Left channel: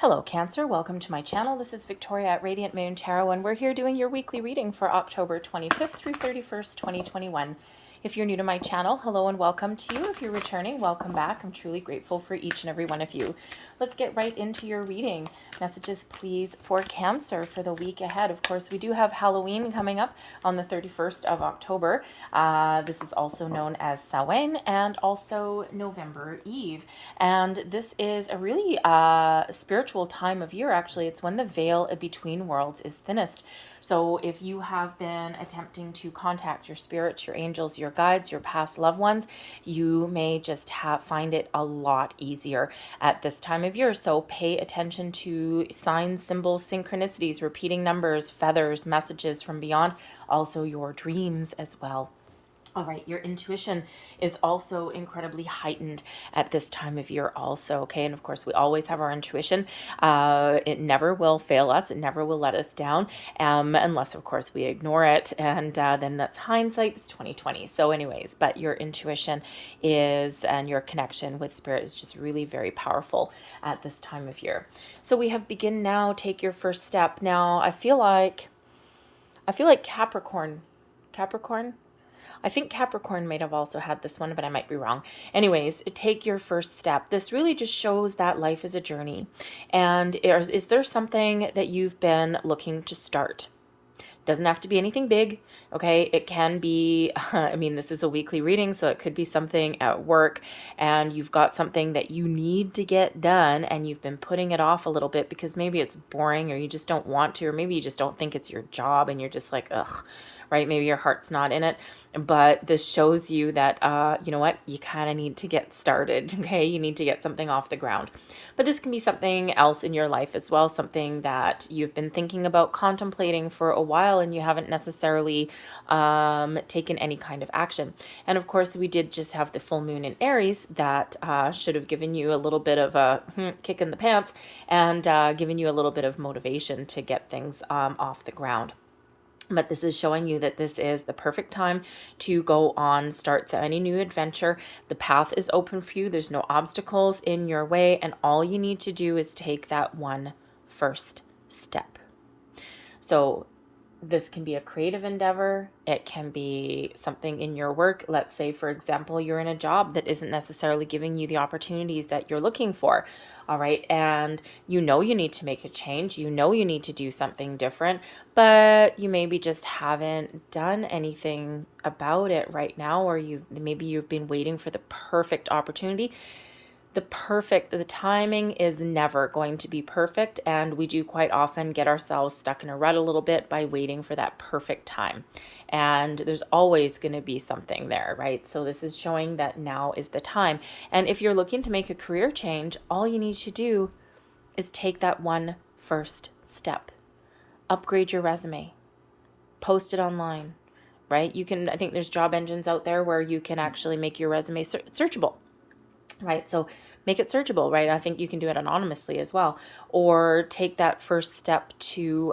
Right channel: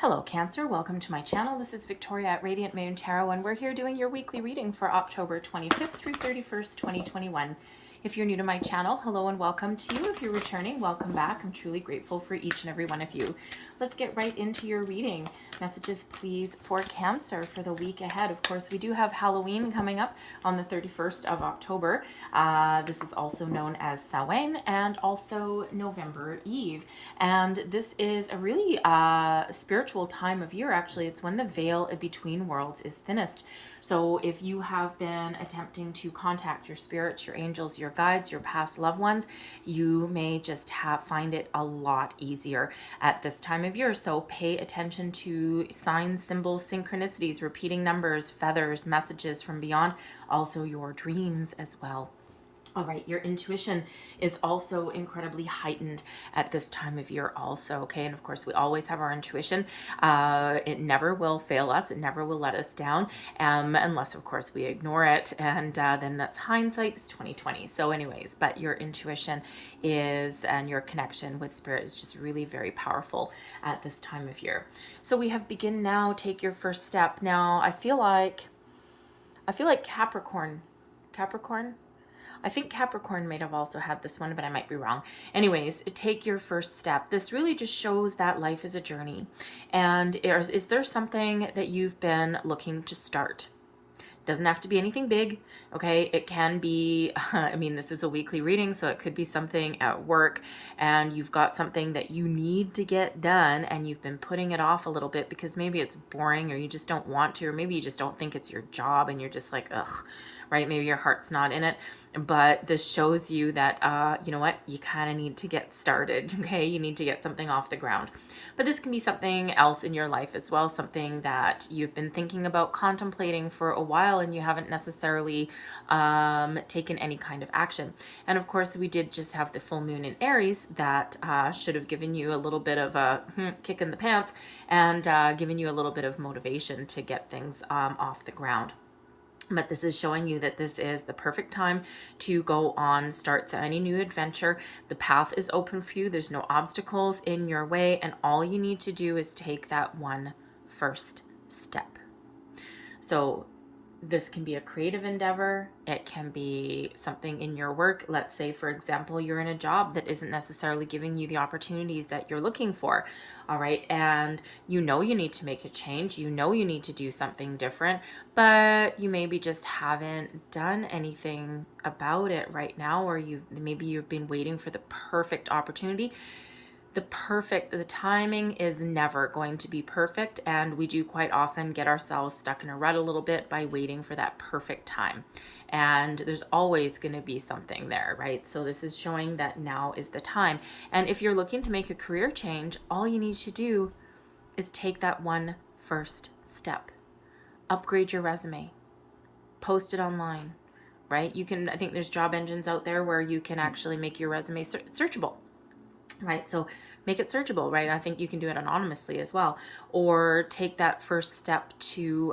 Hello Cancer, welcome to my channel. This is Victoria at Radiant Moon Tarot, and we're here doing your weekly reading for October 25th through 31st, 2021. If you're new to my channel, hello and welcome to you. If you're returning, welcome back. I'm truly grateful for each and every one of you. Let's get right into your reading. Messages, please, for Cancer for the week ahead. Of course, we do have Halloween coming up on the 31st of October. This is also known as Samhain and also November Eve. And this is a really spiritual time of year, actually. It's when the veil between worlds is thinnest. So if you have been attempting to contact your spirits, your angels, your guides, your past loved ones, you may just find it a lot easier at this time of year. So pay attention to signs, symbols, synchronicities, repeating numbers, feathers, messages from beyond, also your dreams as well. All right, your intuition is also incredibly heightened at this time of year also, okay? And of course, we always have our intuition. It never will fail us. It never will let us down, unless, of course, we ignore it. And then that's hindsight. It's 2020. So anyways, but your intuition is, and your connection with spirit is just really very powerful at this time of year. So we have begin now, take your first step. Now, I feel like Capricorn, I think Capricorn might have also had this one, but I might be wrong. Anyways, take your first step. This really just shows that life is a journey. And is there something that you've been looking to start? Doesn't have to be anything big, okay? It can be, I mean, this is a weekly reading, so it could be something at work and you've got something that you need to get done and you've been putting it off a little bit because maybe it's boring or you just don't want to, or maybe you just don't think it's your job and you're just like, ugh, right? Maybe your heart's not in it. But this shows you that, you know what, you kind of need to get started, okay? You need to get something off the ground. But this can be something else in your life as well, something that you've been thinking about, contemplating for a while, and you haven't necessarily taken any kind of action. And of course, we did just have the full moon in Aries that should have given you a little bit of a kick in the pants and given you a little bit of motivation to get things off the ground. But this is showing you that this is the perfect time to go on, start any new adventure. The path is open for you. There's no obstacles in your way. And all you need to do is take that one first step. So this can be a creative endeavor. It can be something in your work. Let's say, for example, you're in a job that isn't necessarily giving you the opportunities that you're looking for. All right. And you know you need to make a change. You know you need to do something different, but you maybe just haven't done anything about it right now, or maybe you've been waiting for the perfect opportunity. The timing is never going to be perfect, and we do quite often get ourselves stuck in a rut a little bit by waiting for that perfect time. And there's always going to be something there, right? So this is showing that now is the time. And if you're looking to make a career change, all you need to do is take that one first step. Upgrade your resume. Post it online, right? I think there's job engines out there where you can actually make your resume searchable, right? So make it searchable, right? I think you can do it anonymously as well. Or take that first step to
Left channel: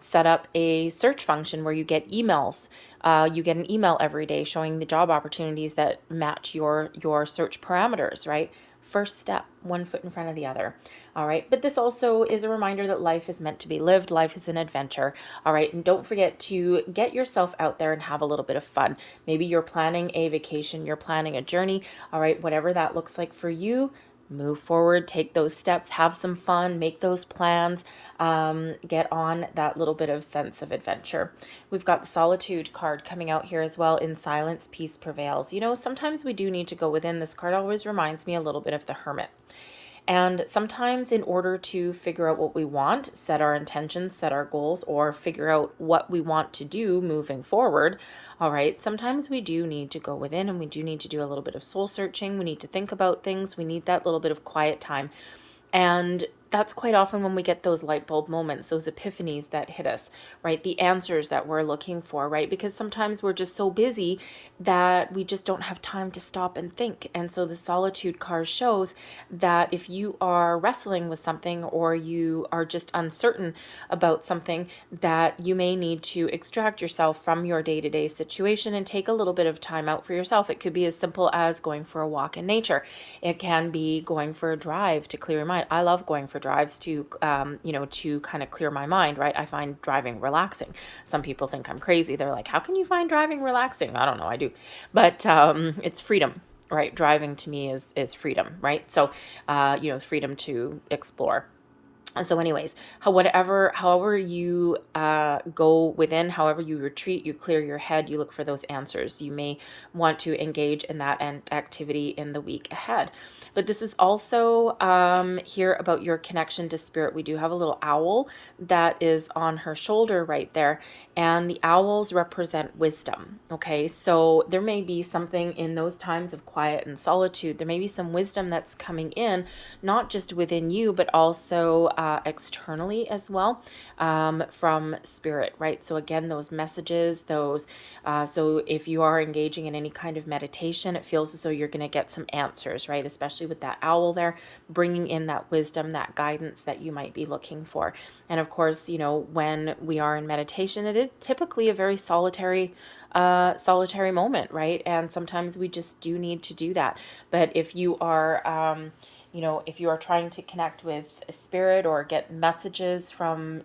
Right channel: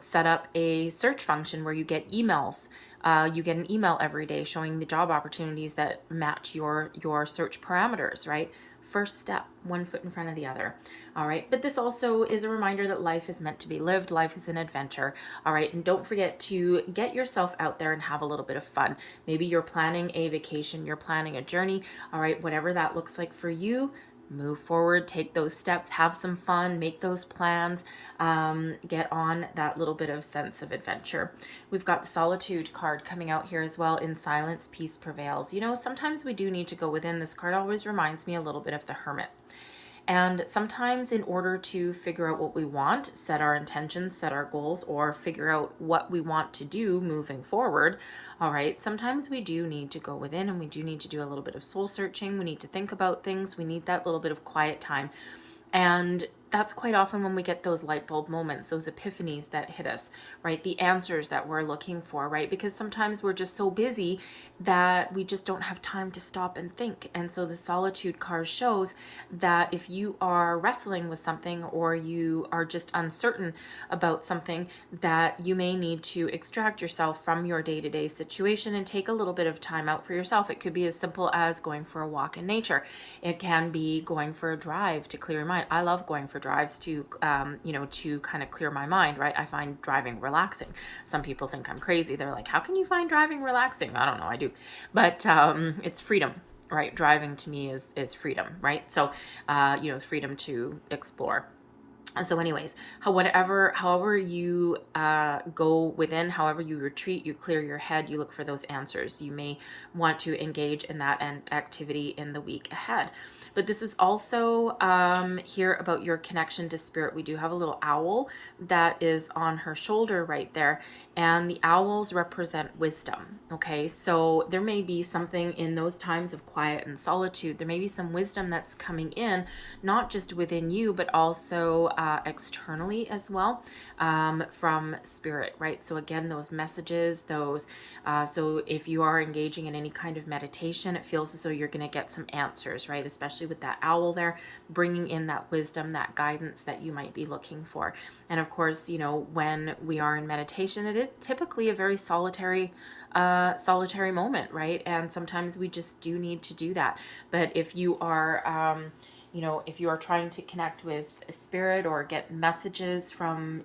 set up a search function where you get emails. You get an email every day showing the job opportunities that match your search parameters, right? First step, one foot in front of the other. All right. But this also is a reminder that life is meant to be lived. Life is an adventure. All right. And don't forget to get yourself out there and have a little bit of fun. Maybe you're planning a vacation, you're planning a journey. All right. Whatever that looks like for you, move forward, take those steps, have some fun, make those plans, get on that little bit of sense of adventure. We've got the Solitude card coming out here as well. In silence, peace prevails. You know, sometimes we do need to go within. This card always reminds me a little bit of the Hermit. And sometimes in order to figure out what we want, set our intentions, set our goals, or figure out what we want to do moving forward, all right, sometimes we do need to go within and we do need to do a little bit of soul searching. We need to think about things. We need that little bit of quiet time. And that's quite often when we get those light bulb moments, those epiphanies that hit us, right? The answers that we're looking for, right? Because sometimes we're just so busy that we just don't have time to stop and think. And so the solitude card shows that if you are wrestling with something, or you are just uncertain about something, that you may need to extract yourself from your day-to-day situation and take a little bit of time out for yourself. It could be as simple as going for a walk in nature. It can be going for a drive to clear your mind. I love going for drives to, to kind of clear my mind, right? I find driving relaxing. Some people think I'm crazy. They're like, how can you find driving relaxing? I don't know, I do. But it's freedom, right? Driving to me is freedom, right? So, freedom to explore. So anyways, however you go within, however you retreat, you clear your head, you look for those answers. You may want to engage in that activity in the week ahead. But this is also here about your connection to spirit. We do have a little owl that is on her shoulder right there, and the owls represent wisdom. Okay, so there may be something in those times of quiet and solitude. There may be some wisdom that's coming in, not just within you, but also externally as well, from spirit, right? So again, those messages, so if you are engaging in any kind of meditation, it feels as though you're going to get some answers, right? Especially with that owl there, bringing in that wisdom, that guidance that you might be looking for. And of course, when we are in meditation, it is typically a very solitary moment, right? And sometimes we just do need to do that. But if you are if you are trying to connect with a spirit or get messages from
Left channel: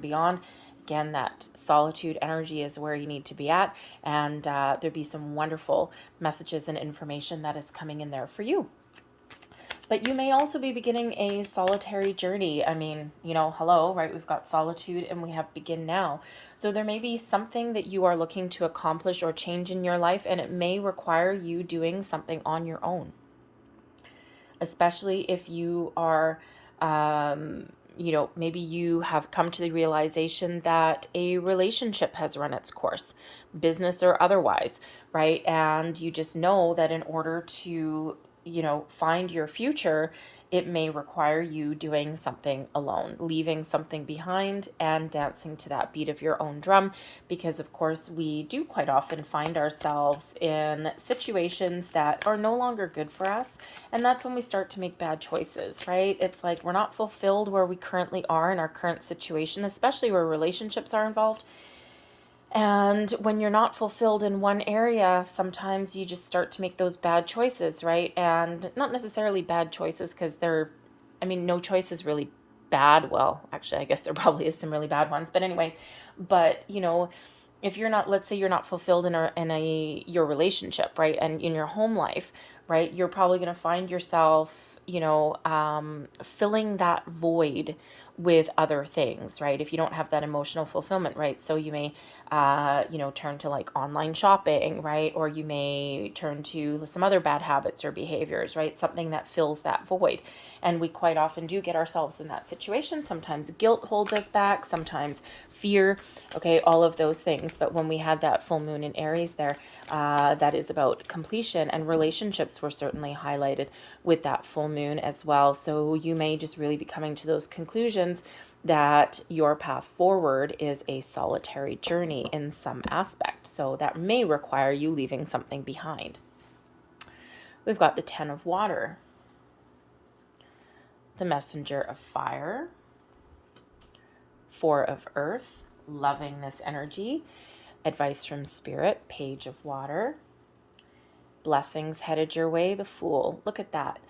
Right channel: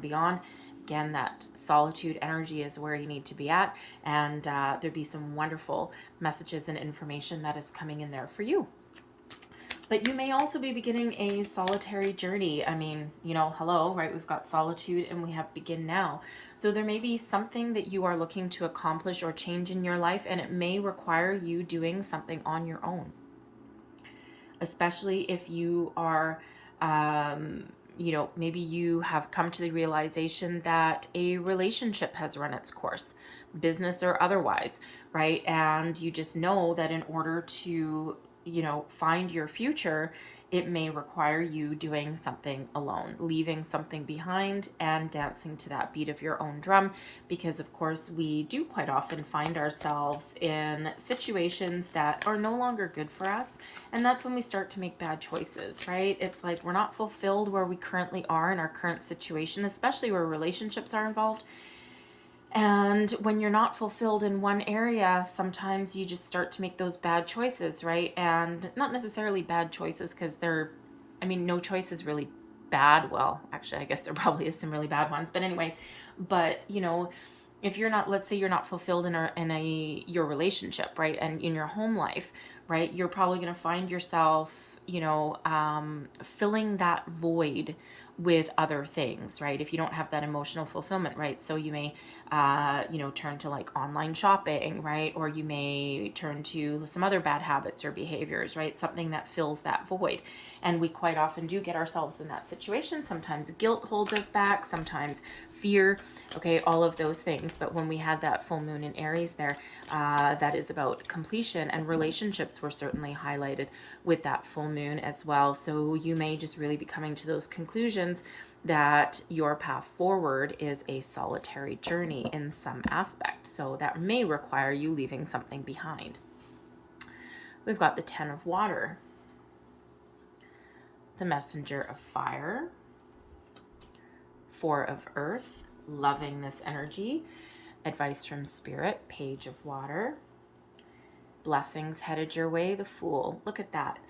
beyond, again, that solitude energy is where you need to be at, and there'd be some wonderful messages and information that is coming in there for you. But you may also be beginning a solitary journey. I mean, hello, right? We've got solitude and we have begin now. So there may be something that you are looking to accomplish or change in your life, and it may require you doing something on your own. Especially if you are, maybe you have come to the realization that a relationship has run its course, business or otherwise, right? And you just know that in order to, find your future, it may require you doing something alone, leaving something behind and dancing to that beat of your own drum. Because of course we do quite often find ourselves in situations that are no longer good for us. And that's when we start to make bad choices, right? It's like we're not fulfilled where we currently are in our current situation, especially where relationships are involved. And when you're not fulfilled in one area, sometimes you just start to make those bad choices, right? And not necessarily bad choices because no choice is really bad. Well, actually, I guess there probably is some really bad ones. But anyways, if you're not, let's say you're not fulfilled in your relationship, right? And in your home life, right? You're probably going to find yourself, filling that void with other things, right? If you don't have that emotional fulfillment, right? So you may, turn to like online shopping, right? Or you may turn to some other bad habits or behaviors, right? Something that fills that void. And we quite often do get ourselves in that situation. Sometimes guilt holds us back, sometimes fear, okay, all of those things. But when we had that full moon in Aries there, that is about completion, and relationships were certainly highlighted with that full moon as well. So you may just really be coming to those conclusions that your path forward is a solitary journey in some aspect. So that may require you leaving something behind. We've got the 10 of water, the messenger of fire, 4 of earth, loving this energy, advice from spirit, page of water, blessings headed your way, the fool. Look at that.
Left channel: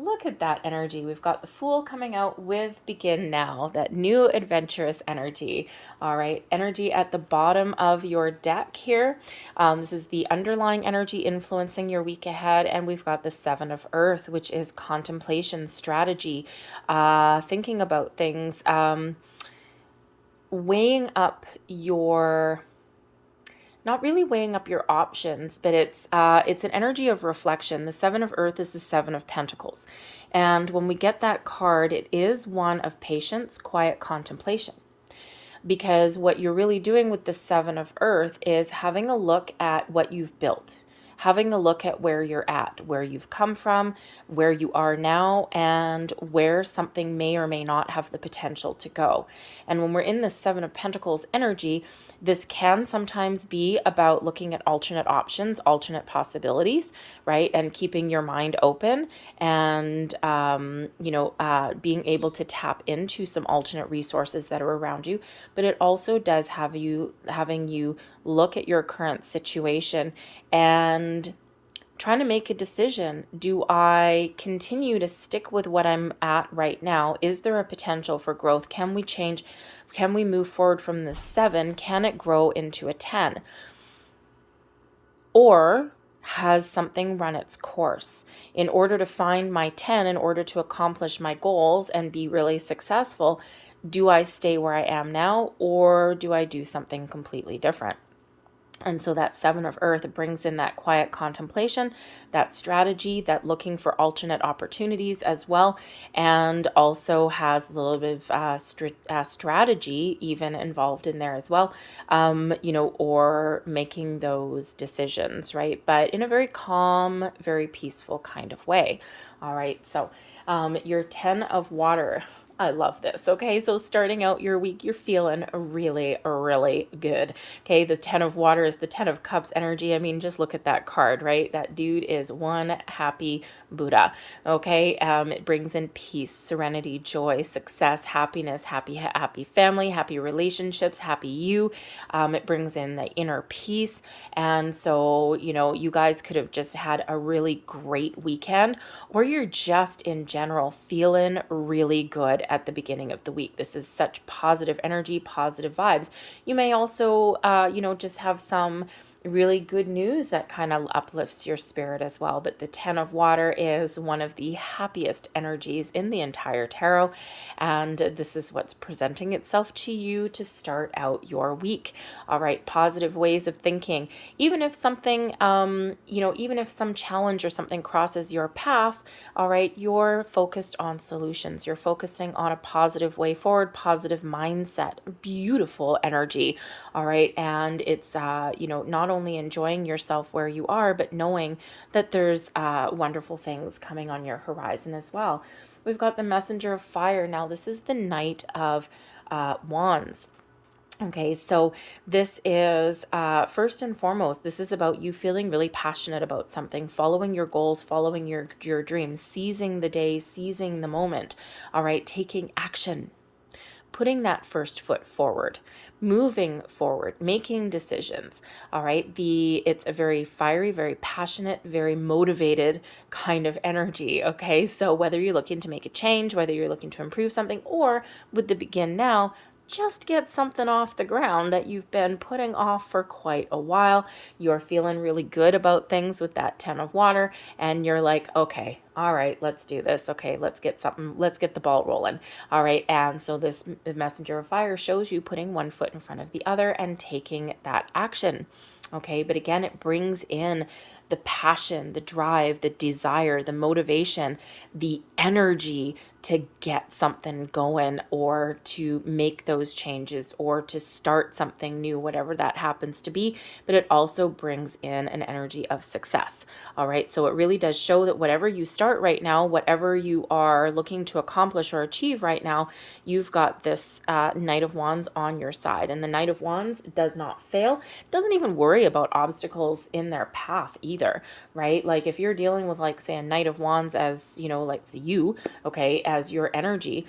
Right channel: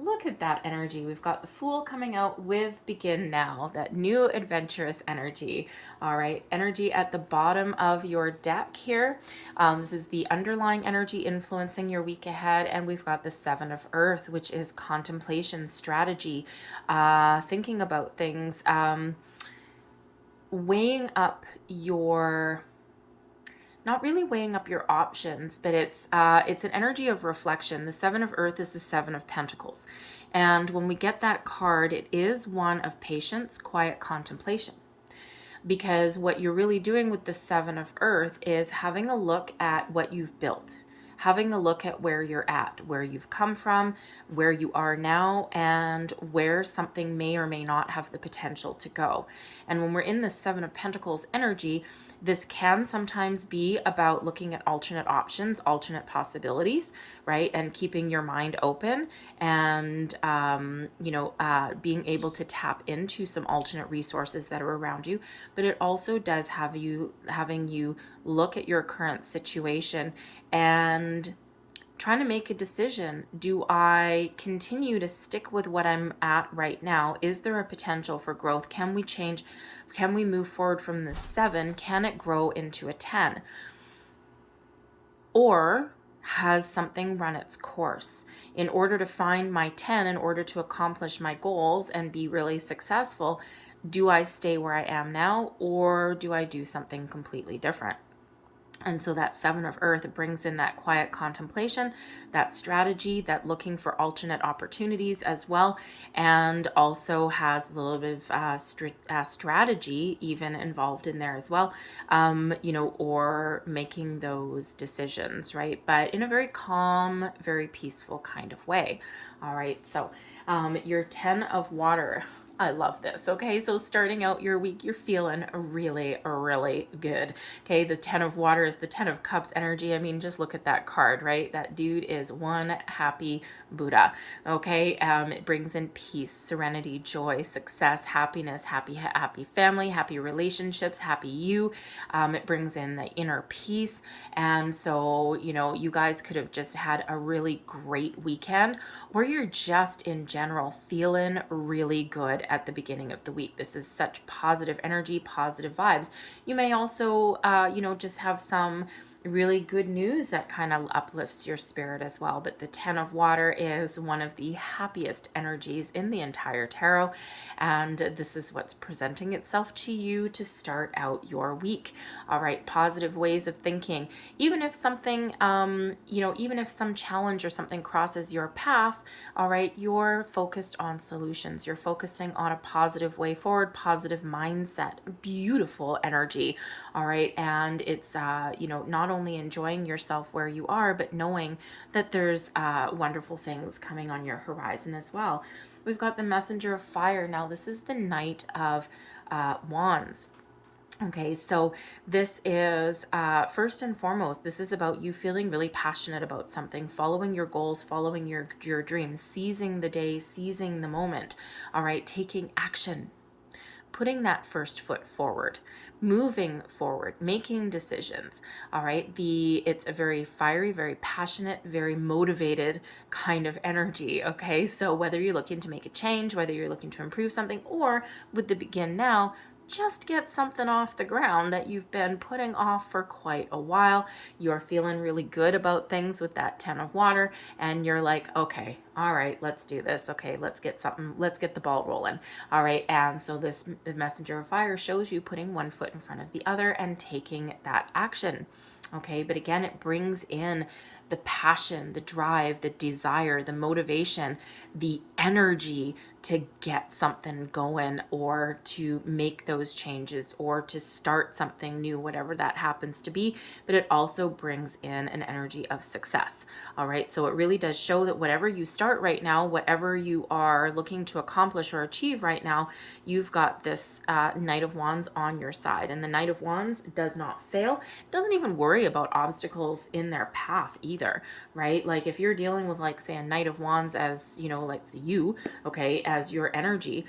Look at that energy. We've got the fool coming out with begin now, that new adventurous energy. All right, energy at the bottom of your deck here. This is the underlying energy influencing your week ahead. And we've got the 7 of earth, which is contemplation, strategy, thinking about things, weighing up your... not really weighing up your options, but it's an energy of reflection. The 7 of earth is the 7 of pentacles. And when we get that card, it is one of patience, quiet contemplation. Because what you're really doing with the 7 of earth is having a look at what you've built, having a look at where you're at, where you've come from, where you are now, and where something may or may not have the potential to go. And when we're in the Seven of Pentacles energy, this can sometimes be about looking at alternate options, alternate possibilities, right? And keeping your mind open and, being able to tap into some alternate resources that are around you. But it also does having you look at your current situation and trying to make a decision. Do I continue to stick with what I'm at right now? Is there a potential for growth? Can we change? Can we move forward from the 7? Can it grow into a 10? Or has something run its course? In order to find my 10, in order to accomplish my goals and be really successful, do I stay where I am now, or do I do something completely different? And so that 7 of Earth brings in that quiet contemplation, that strategy, that looking for alternate opportunities as well, and also has a little bit of strategy even involved in there as well, or making those decisions, right? But in a very calm, very peaceful kind of way. All right, so your 10 of Water. I love this. Okay, so starting out your week, you're feeling really, really good. Okay, the 10 of Water is the 10 of Cups energy. I mean, just look at that card, right? That dude is one happy Buddha. Okay, it brings in peace, serenity, joy, success, happiness, happy family, happy relationships, happy you. It brings in the inner peace. And so, you guys could have just had a really great weekend, or you're just in general feeling really good at the beginning of the week. This is such positive energy, positive vibes. You may also, just have some really good news that kind of uplifts your spirit as well. But the 10 of Water is one of the happiest energies in the entire tarot. And this is what's presenting itself to you to start out your week. All right, positive ways of thinking. Even if something, even if some challenge or something crosses your path, all right, you're focused on solutions. You're focusing on a positive way forward, positive mindset, beautiful energy. All right, and it's, not only enjoying yourself where you are, but knowing that there's wonderful things coming on your horizon as well. We've got the Messenger of Fire. Now, this is the Knight of Wands. Okay, so this is, first and foremost, this is about you feeling really passionate about something, following your goals, following your dreams, seizing the day, seizing the moment, all right, taking action, putting that first foot forward, moving forward, making decisions, all right? It's a very fiery, very passionate, very motivated kind of energy, okay? So whether you're looking to make a change, whether you're looking to improve something, or with the begin now, just get something off the ground that you've been putting off for quite a while. You're feeling really good about things with that 10 of Water, and you're like, okay, all right, let's do this. Okay, let's get the ball rolling. All right, and so the Messenger of Fire shows you putting one foot in front of the other and taking that action. Okay, but again, it brings in the passion, the drive, the desire, the motivation, the energy to get something going, or to make those changes, or to start something new, whatever that happens to be. But it also brings in an energy of success. All right, so it really does show that whatever you start right now, whatever you are looking to accomplish or achieve right now, you've got this Knight of Wands on your side. And the Knight of Wands does not fail, doesn't even worry about obstacles in their path either, right? Like if you're dealing with, like, say, a Knight of Wands as, like you, okay, as your energy,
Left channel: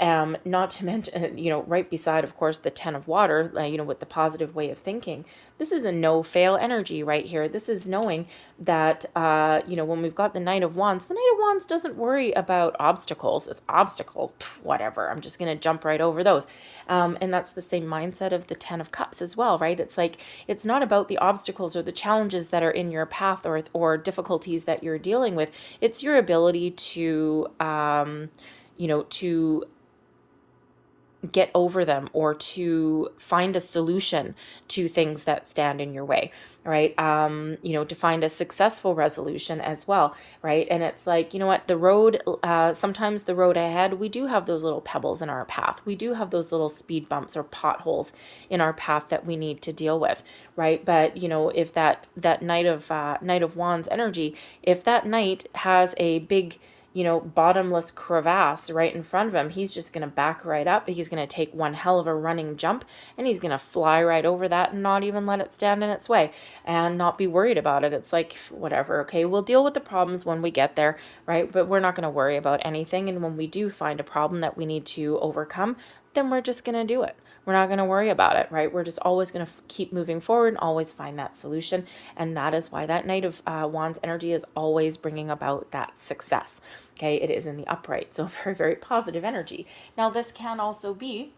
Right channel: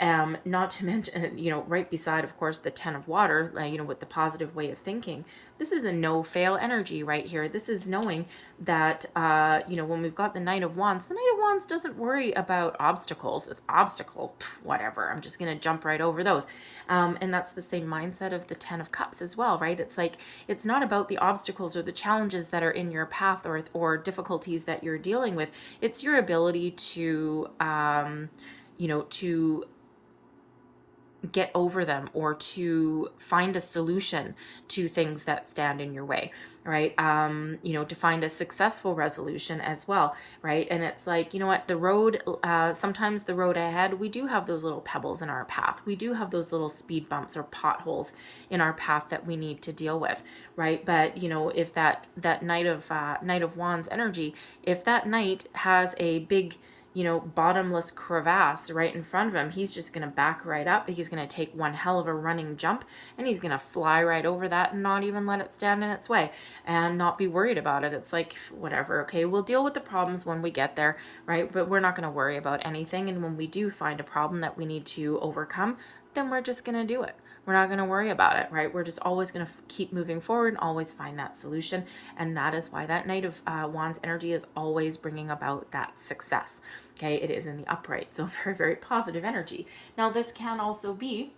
not to mention, right beside, of course, the 10 of Water, with the positive way of thinking, this is a no-fail energy right here. This is knowing that, when we've got the Knight of Wands doesn't worry about obstacles. It's obstacles, whatever. I'm just going to jump right over those. And that's the same mindset of the 10 of Cups as well, right? It's like, it's not about the obstacles or the challenges that are in your path, or difficulties that you're dealing with. It's your ability to, to get over them or to find a solution to things that stand in your way, right? To find a successful resolution as well, right? And it's like, you know what, the road, sometimes the road ahead, we do have those little pebbles in our path. We do have those little speed bumps or potholes in our path that we need to deal with, right? But, if that Knight of Wands energy, if that knight has a big, bottomless crevasse right in front of him, he's just going to back right up. He's going to take one hell of a running jump, and he's going to fly right over that and not even let it stand in its way and not be worried about it. It's like, whatever, okay, we'll deal with the problems when we get there, right? But we're not going to worry about anything. And when we do find a problem that we need to overcome, then we're just going to do it. We're not going to worry about it, right? We're just always going to keep moving forward and always find that solution. And that is why that Knight of Wands energy is always bringing about that success. Okay, it is in the upright, so very, very positive energy. Now, this can also be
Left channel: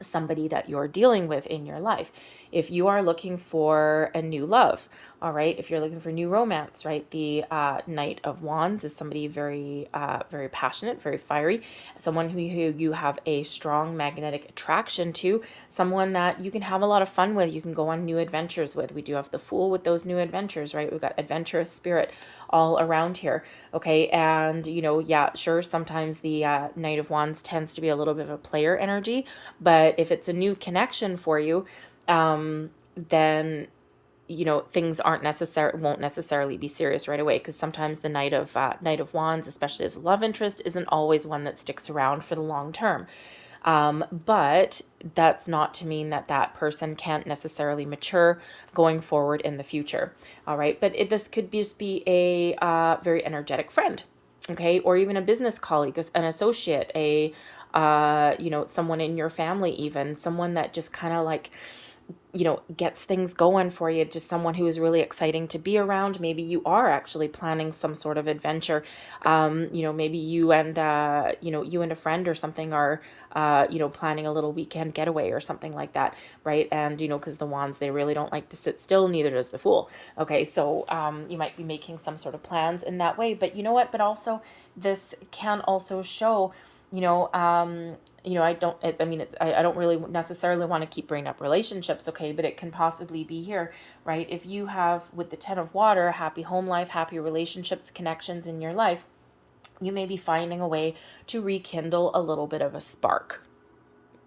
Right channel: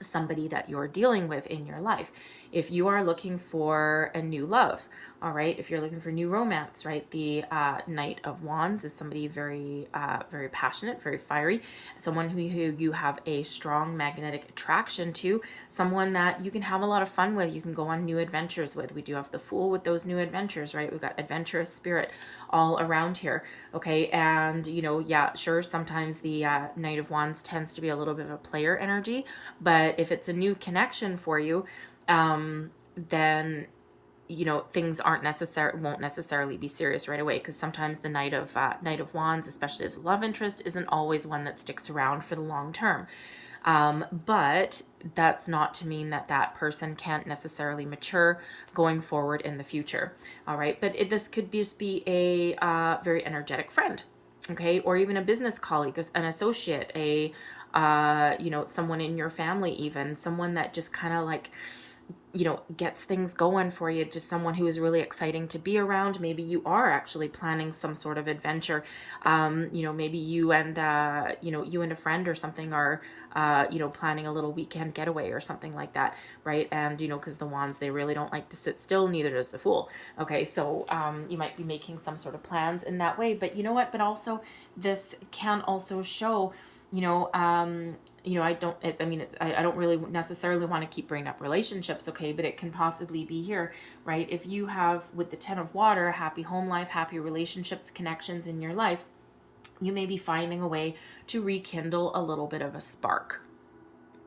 somebody that you're dealing with in your life. If you are looking for a new love, all right, if you're looking for new romance, right, the Knight of Wands is somebody very, very passionate, very fiery, someone who you have a strong magnetic attraction to, someone that you can have a lot of fun with, you can go on new adventures with. We do have the Fool with those new adventures, right? We've got adventurous spirit all around here, okay? And, yeah, sure, sometimes the Knight of Wands tends to be a little bit of a player energy, but if it's a new connection for you, then things won't necessarily be serious right away, because sometimes the Knight of Wands, especially as a love interest, isn't always one that sticks around for the long term. But that's not to mean that that person can't necessarily mature going forward in the future. All right. But this could just be a very energetic friend. Okay. Or even a business colleague, an associate, someone in your family, even someone that just kind of like, gets things going for you, just someone who is really exciting to be around. Maybe you are actually planning some sort of adventure. Maybe you and a friend or something are, planning a little weekend getaway or something like that, right? And, because the Wands, they really don't like to sit still, neither does the Fool. Okay, so you might be making some sort of plans in that way, but you know what? But also, this can also show, I don't really necessarily want to keep bringing up relationships, okay, but it can possibly be here, right? If you have, with the Ten of Water, happy home life, happy relationships, connections in your life, you may be finding a way to rekindle a little bit of a spark,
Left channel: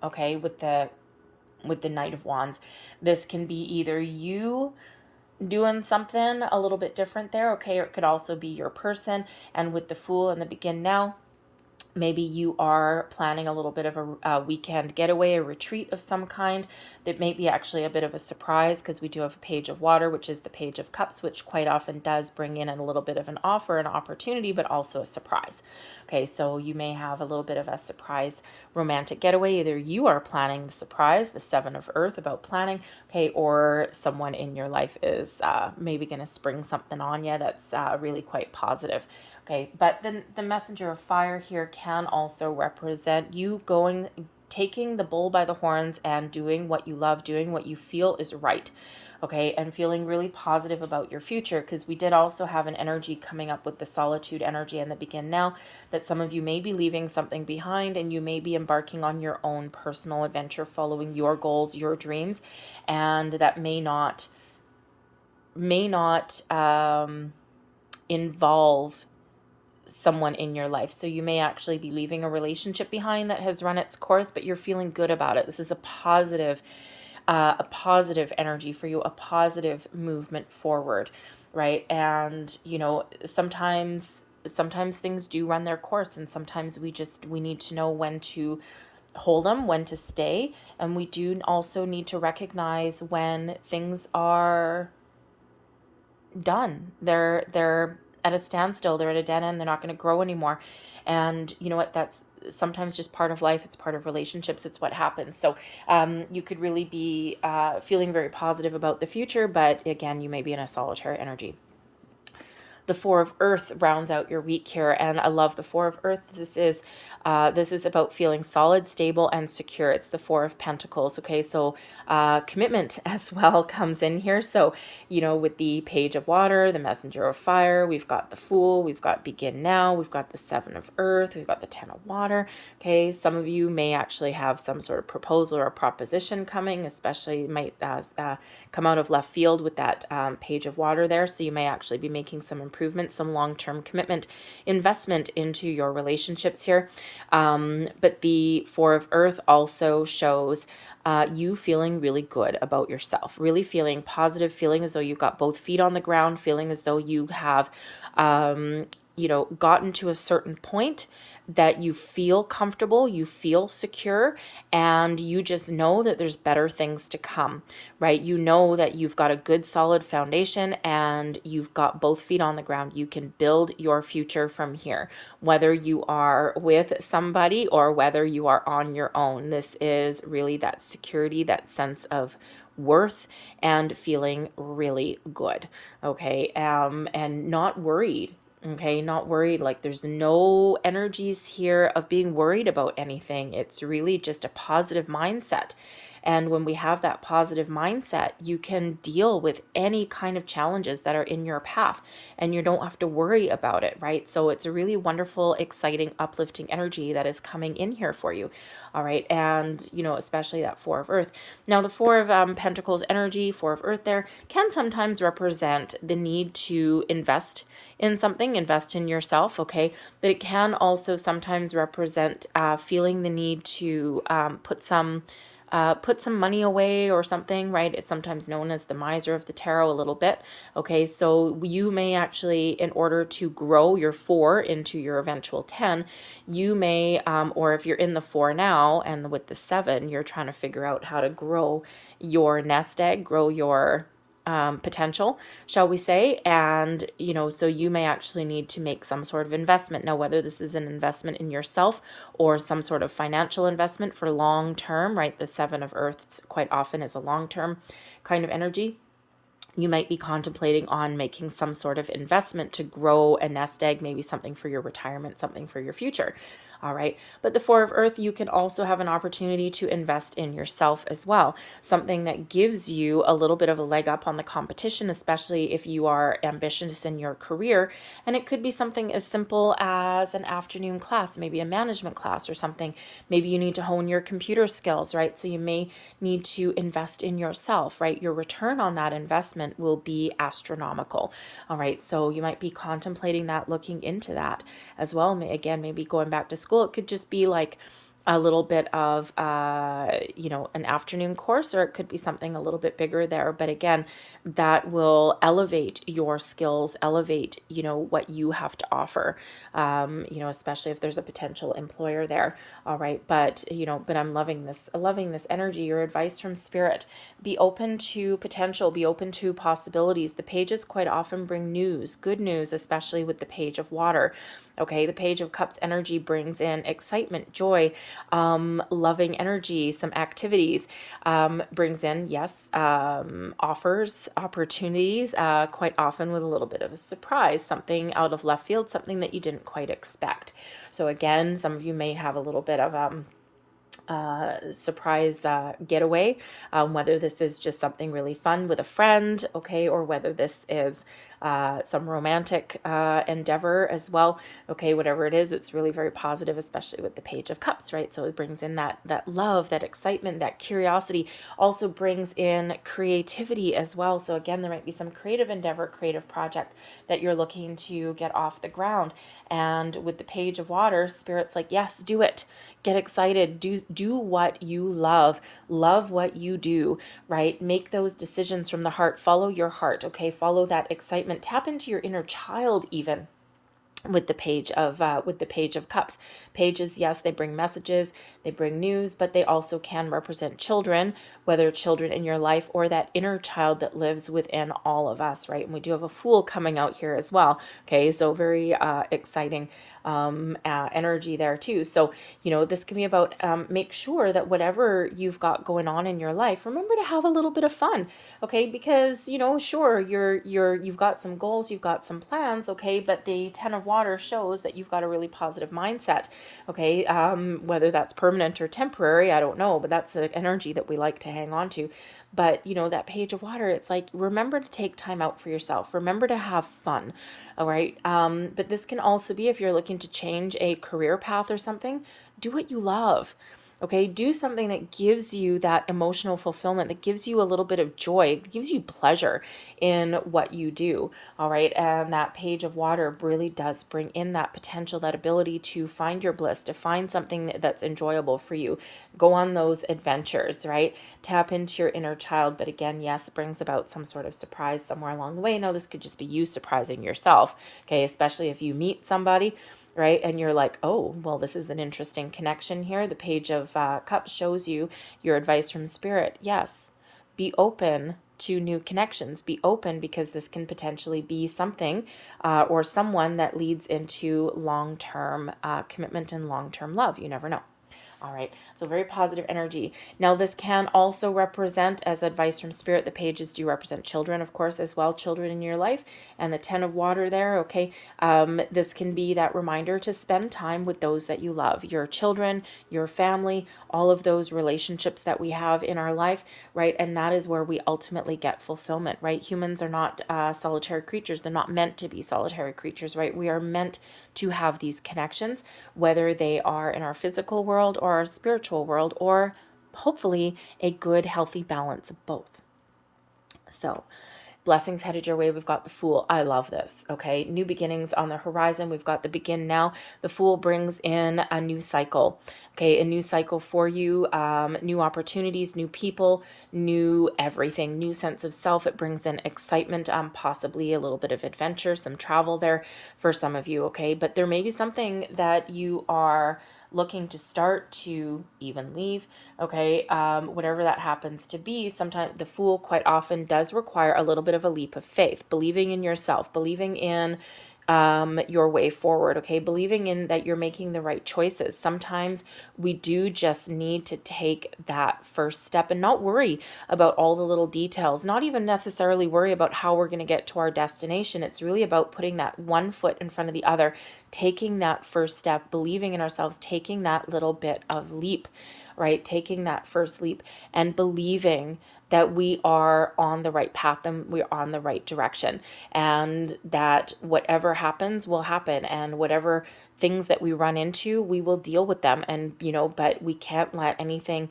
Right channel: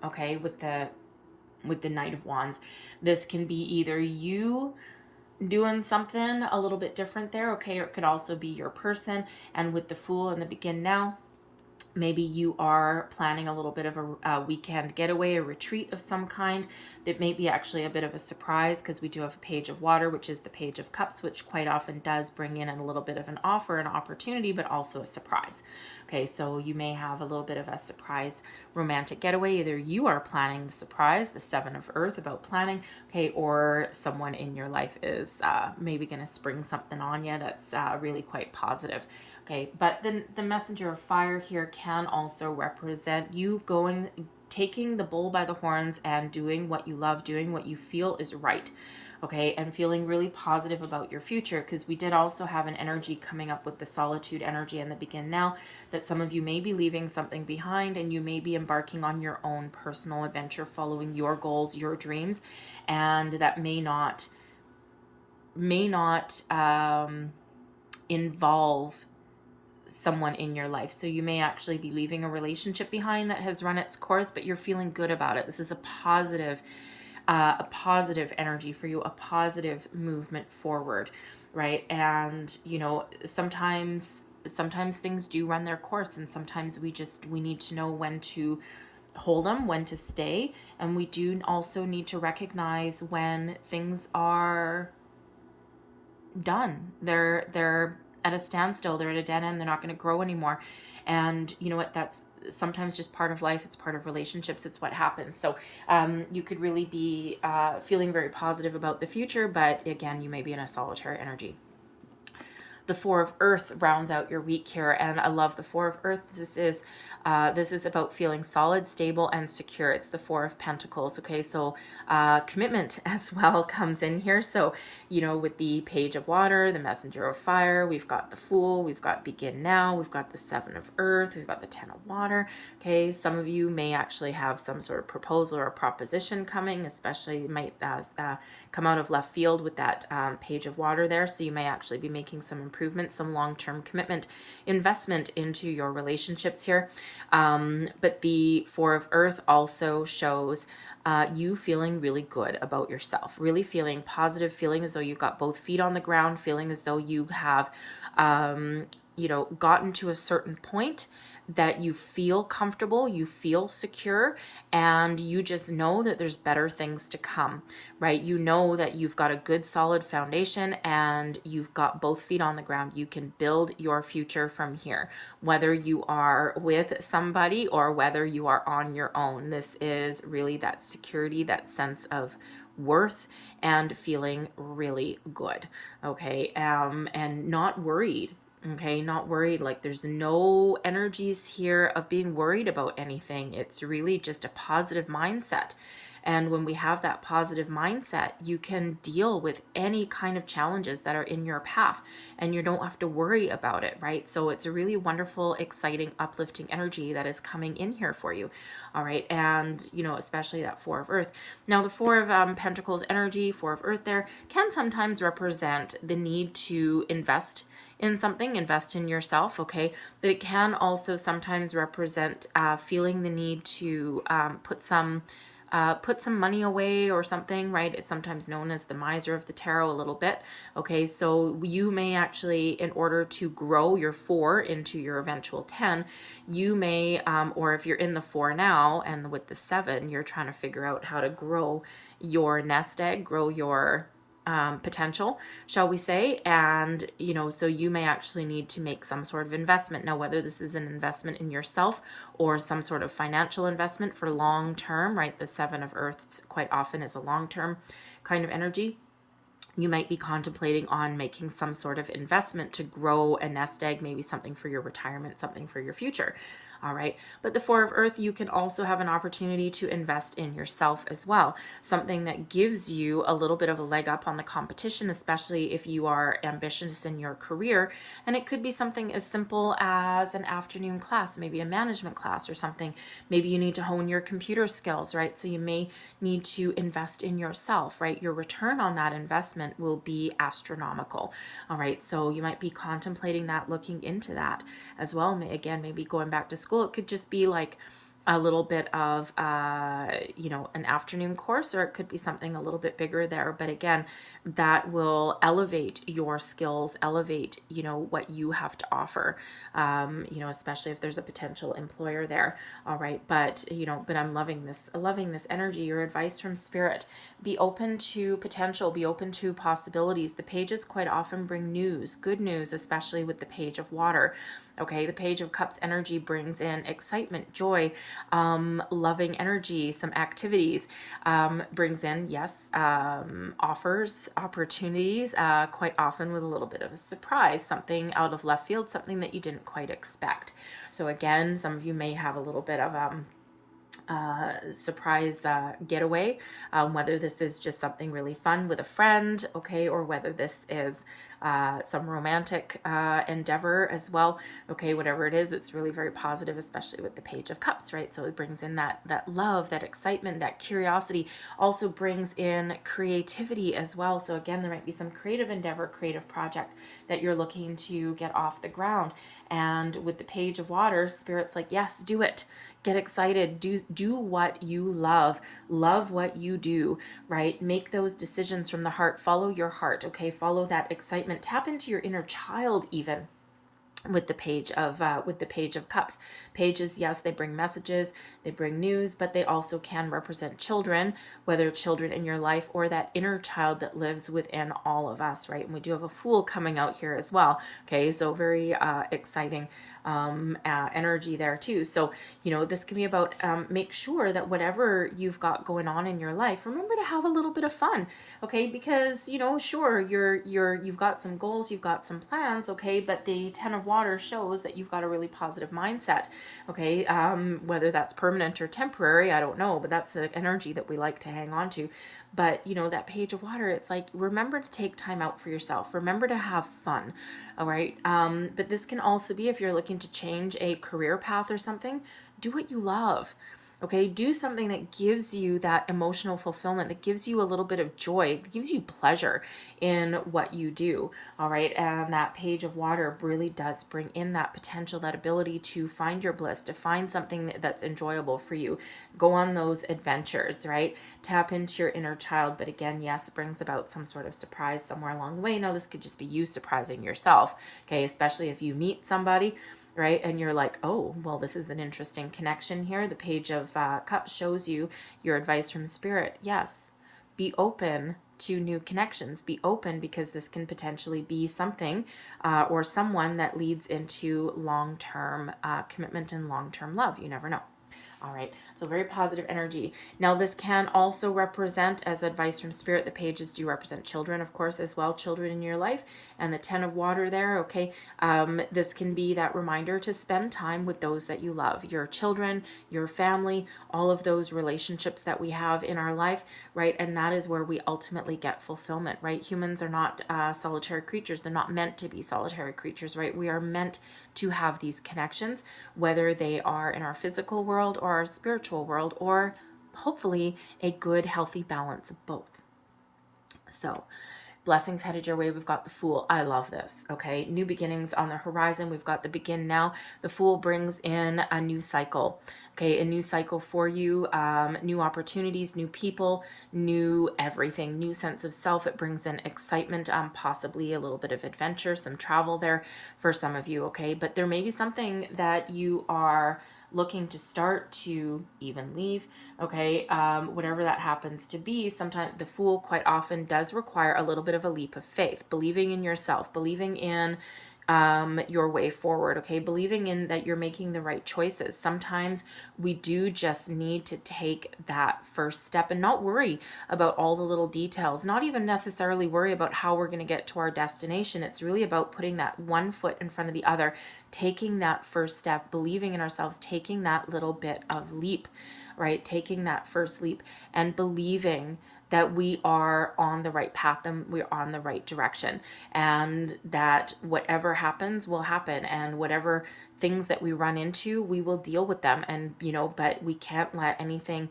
okay, with the Knight of Wands. This can be either you doing something a little bit different there, okay, or it could also be your person. And with the Fool and the Begin Now, maybe you are planning a little bit of a weekend getaway, a retreat of some kind. That may be actually a bit of a surprise, because we do have a Page of Water, which is the Page of Cups, which quite often does bring in a little bit of an offer, an opportunity, but also a surprise. Okay, so you may have a little bit of a surprise romantic getaway. Either you are planning the surprise, the Seven of Earth, about planning, okay, or someone in your life is maybe going to spring something on you that's really quite positive. Okay, but then the Messenger of Fire here can also represent you taking the bull by the horns and doing what you love, doing what you feel is right, okay, and feeling really positive about your future, because we did also have an energy coming up with the Solitude energy and the Begin Now, that some of you may be leaving something behind and you may be embarking on your own personal adventure, following your goals, your dreams, and that may not involve someone in your life. So you may actually be leaving a relationship behind that has run its course, but you're feeling good about it. This is a positive energy for you, a positive movement forward, right? And sometimes things do run their course, and sometimes we need to know when to hold them, when to stay, and we do also need to recognize when things are done. They're at a standstill, they're at a dead end, they're not going to grow anymore. And you know what, that's sometimes just part of life, it's part of relationships, it's what happens. So you could really be feeling very positive about the future, but again, you may be in a solitary energy. The Four of Earth rounds out your week here, and I love the Four of Earth. This is This is about feeling solid, stable, and secure. It's the Four of Pentacles. Okay, so commitment as well comes in here. So, you know, with the Page of Water, the Messenger of Fire, we've got the Fool, we've got Begin Now, we've got the Seven of Earth, we've got the Ten of Water. Okay, some of you may actually have some sort of proposal or proposition coming, especially might come out of left field with that Page of Water there. So you may actually be making some improvements, some long-term commitment, investment into your relationships here. But the Four of Earth also shows you feeling really good about yourself, really feeling positive, feeling as though you've got both feet on the ground, feeling as though you have, you know, gotten to a certain point that you feel comfortable, you feel secure, and you just know that there's better things to come, right? You know that you've got a good solid foundation and you've got both feet on the ground. You can build your future from here, whether you are with somebody or whether you are on your own. This is really that security, that sense of worth and feeling really good, okay? And not worried. Okay, not worried. Like there's no energies here of being worried about anything. It's really just a positive mindset. And when we have that positive mindset, you can deal with any kind of challenges that are in your path and you don't have to worry about it, right? So it's a really wonderful, exciting, uplifting energy that is coming in here for you. All right. And, you know, especially that Four of Earth. Now, the Four of Pentacles energy, Four of Earth there can sometimes represent the need to invest in something, invest in yourself, okay? But it can also sometimes represent feeling the need to put some money away or something, right? It's sometimes known as the miser of the tarot a little bit, okay? So you may actually, in order to grow your 4 into your eventual 10, you may, or if you're in the 4 now and with the 7, you're trying to figure out how to grow your nest egg, grow your potential, shall we say, and you know, so you may actually need to make some sort of investment. Now, whether this is an investment in yourself or some sort of financial investment for long term, right? The Seven of Earths quite often is a long term kind of energy. You might be contemplating on making some sort of investment to grow a nest egg, maybe something for your retirement, something for your future. All right. But the Four of Earth, you can also have an opportunity to invest in yourself as well. Something that gives you a little bit of a leg up on the competition, especially if you are ambitious in your career. And it could be something as simple as an afternoon class, maybe a management class or something. Maybe you need to hone your computer skills, right? So you may need to invest in yourself, right? Your return on that investment will be astronomical. All right. So you might be contemplating that, looking into that as well. Again, maybe going back to school, it could just be like a little bit of, you know, an afternoon course, or it could be something a little bit bigger there. But again, that will elevate your skills, elevate, you know, what you have to offer, you know, especially if there's a potential employer there. All right. But, you know, but I'm loving this energy. Your advice from Spirit: be open to potential, be open to possibilities. The pages quite often bring news, good news, especially with the Page of Water. Okay, the Page of Cups energy brings in excitement, joy, loving energy, some activities, brings in, yes, offers, opportunities, quite often with a little bit of a surprise, something out of left field, something that you didn't quite expect. So again, some of you may have a little bit of surprise getaway, whether this is just something really fun with a friend, okay, or whether this is some romantic endeavor as well. Okay, whatever it is, it's really very positive, especially with the Page of Cups, right? So it brings in that love, that excitement, that curiosity, also brings in creativity as well. So again, there might be some creative endeavor, creative project that you're looking to get off the ground. And with the Page of Water, Spirit's like, yes, do it. Get excited, do what you love what you do, right? Make those decisions from the heart, follow your heart, okay? Follow that excitement, tap into your inner child even. With the Page of Cups. Pages, yes, they bring messages, they bring news, but they also can represent children, whether children in your life or that inner child that lives within all of us, right? And we do have a Fool coming out here as well. Okay, so very exciting energy there too. So, you know, this can be about make sure that whatever you've got going on in your life, remember to have a little bit of fun, okay? Because, you know, sure, you've got some goals, you've got some plans, okay, but the Ten of Water shows that you've got a really positive mindset. Okay, whether that's permanent or temporary, I don't know, but that's an energy that we like to hang on to. But, you know, that page of water, it's like, remember to take time out for yourself. Remember to have fun. All right. But this can also be if you're looking to change a career path or something, do what you love. Okay, do something that gives you that emotional fulfillment, that gives you a little bit of joy, gives you pleasure in what you do. All right, and that page of water really does bring in that potential, that ability to find your bliss, to find something that's enjoyable for you. Go on those adventures, right? Tap into your inner child. But again, yes, brings about some sort of surprise somewhere along the way. Now, this could just be you surprising yourself, okay, especially if you meet somebody, right? And you're like, oh, well, this is an interesting connection here. The page of cups shows you your advice from spirit. Yes, be open to new connections. Be open, because this can potentially be something or someone that leads into long-term commitment and long-term love. You never know. All right, so very positive energy. Now, this can also represent, as advice from spirit, the pages do represent children, of course, as well, children in your life, and the 10 of water there, okay? This can be that reminder to spend time with those that you love, your children, your family, all of those relationships that we have in our life, right? And that is where we ultimately get fulfillment, right? Humans are not solitary creatures. They're not meant to be solitary creatures, right? We are meant to have these connections, whether they are in our physical world or our spiritual world, or hopefully a good, healthy balance of both. So, blessings headed your way. We've got the Fool. I love this. Okay. New beginnings on the horizon. We've got the begin now. The Fool brings in a new cycle. Okay. A new cycle for you. New opportunities, new people, new everything, new sense of self. It brings in excitement, possibly a little bit of adventure, some travel there for some of you. Okay. But there may be something that you are looking to start, to even leave, okay, whatever that happens to be. Sometimes the Fool quite often does require a little bit of a leap of faith, believing in yourself, believing in your way forward, okay, believing in that you're making the right choices. Sometimes we do just need to take that first step and not worry about all the little details, not even necessarily worry about how we're going to get to our destination. It's really about putting that one foot in front of the other, taking that first step, believing in ourselves, taking that little bit of leap, right? Taking that first leap and believing that we are on the right path and we're on the right direction, and that whatever happens will happen, and whatever things that we run into, we will deal with them. And, you know, but we can't let anything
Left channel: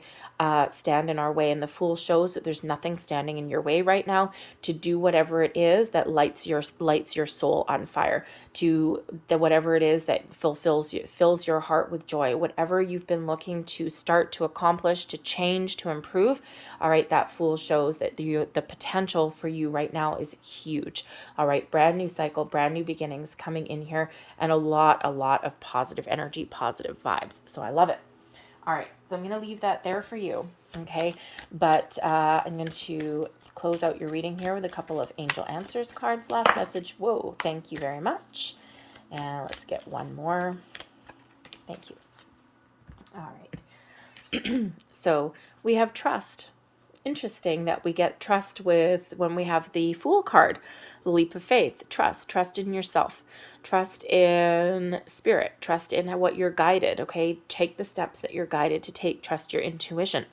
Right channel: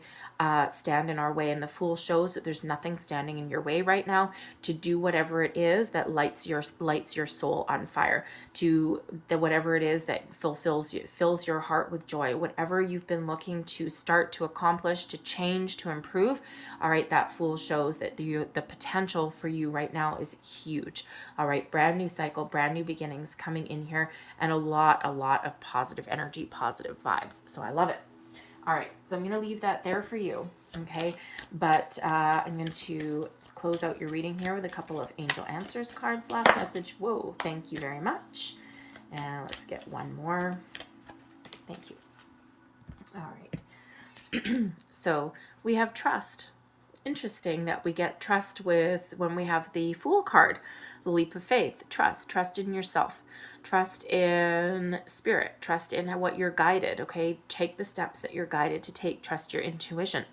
stand in our way. And the Fool shows that there's nothing standing in your way right now to do whatever it is that lights your soul on fire, to the whatever it is that fills your heart with joy, whatever you've been looking to start, to accomplish, to change, to improve. All right, that Fool shows that the potential for you right now is huge. All right, brand new cycle, brand new beginnings coming in here, and a lot of positive energy, positive vibes. So I love it. All right, so I'm going to leave that there for you, okay? But I'm going to close out your reading here with a couple of Angel Answers cards. Last message. Whoa, thank you very much. And let's get one more. Thank you. All right. So we have trust. Interesting that we get trust with when we have the Fool card, the leap of faith. Trust in yourself, trust in spirit, trust in what you're guided. Okay, take the steps that you're guided to take. Trust your intuition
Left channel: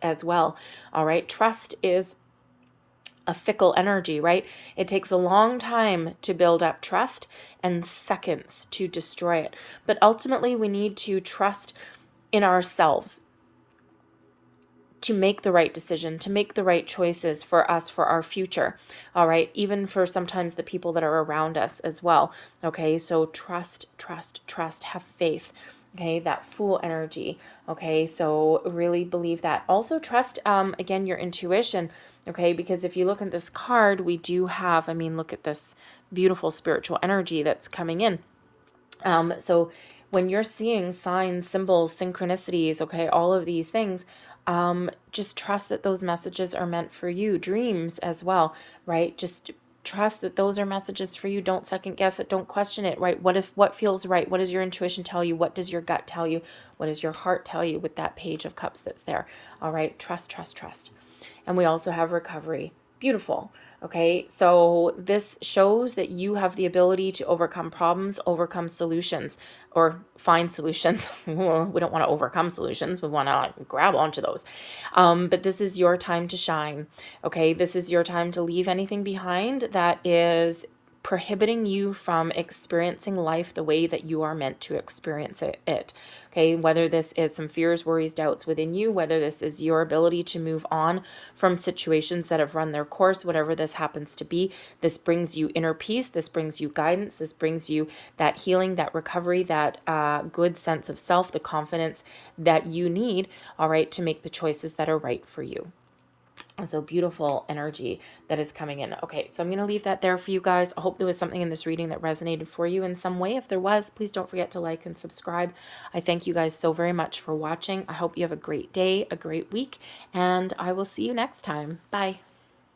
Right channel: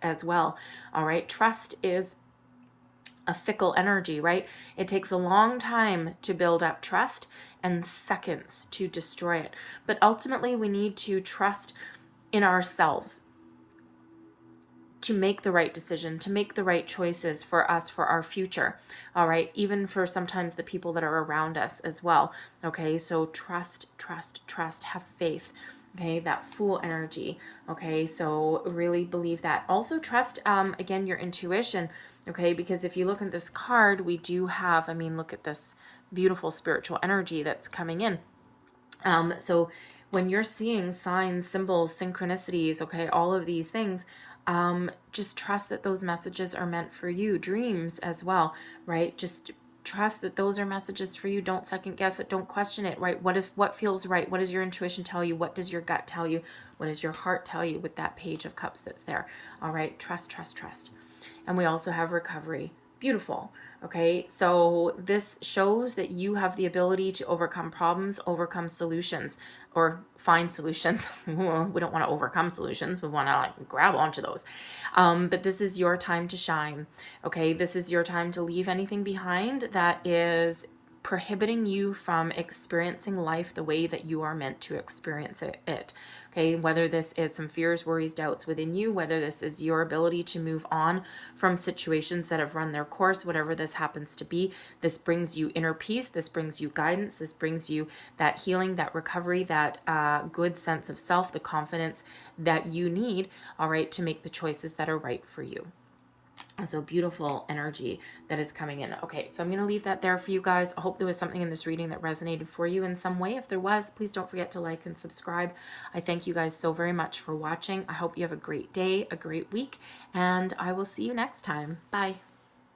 as well. All right, trust is a fickle energy, right? It takes a long time to build up trust and seconds to destroy it. But ultimately, we need to trust in ourselves to make the right decision, to make the right choices for us, for our future. All right. Even for sometimes the people that are around us as well. Okay. So trust, have faith. Okay. That Fool energy. Okay. So really believe that. Also trust, again, your intuition. Okay. Because if you look at this card, we do have, look at this beautiful spiritual energy that's coming in. So when you're seeing signs, symbols, synchronicities, okay, all of these things, just trust that those messages are meant for you. Dreams as well, right? Just trust that those are messages for you. Don't second guess it. Don't question it, right? What feels right? What does your intuition tell you? What does your gut tell you? What does your heart tell you with that Page of Cups that's there? All right. Trust. And we also have recovery. Beautiful. Okay. So this shows that you have the ability to overcome problems, overcome solutions. or find solutions. We don't want to overcome solutions. We want to like grab onto those. But this is your time to shine. Okay. This is your time to leave anything behind that is prohibiting you from experiencing life the way that you are meant to experience it. Okay, whether this is some fears, worries, doubts within you, whether this is your ability to move on from situations that have run their course, whatever this happens to be, this brings you inner peace, this brings you guidance, this brings you that healing, that recovery, that good sense of self, the confidence that you need, all right, to make the choices that are right for you. So beautiful energy that is coming in. Okay, so I'm going to leave that there for you guys. I hope there was something in this reading that resonated for you in some way. If there was, please don't forget to like and subscribe. I thank you guys so very much for watching. I hope you have a great day, a great week, and I will see you next time. Bye.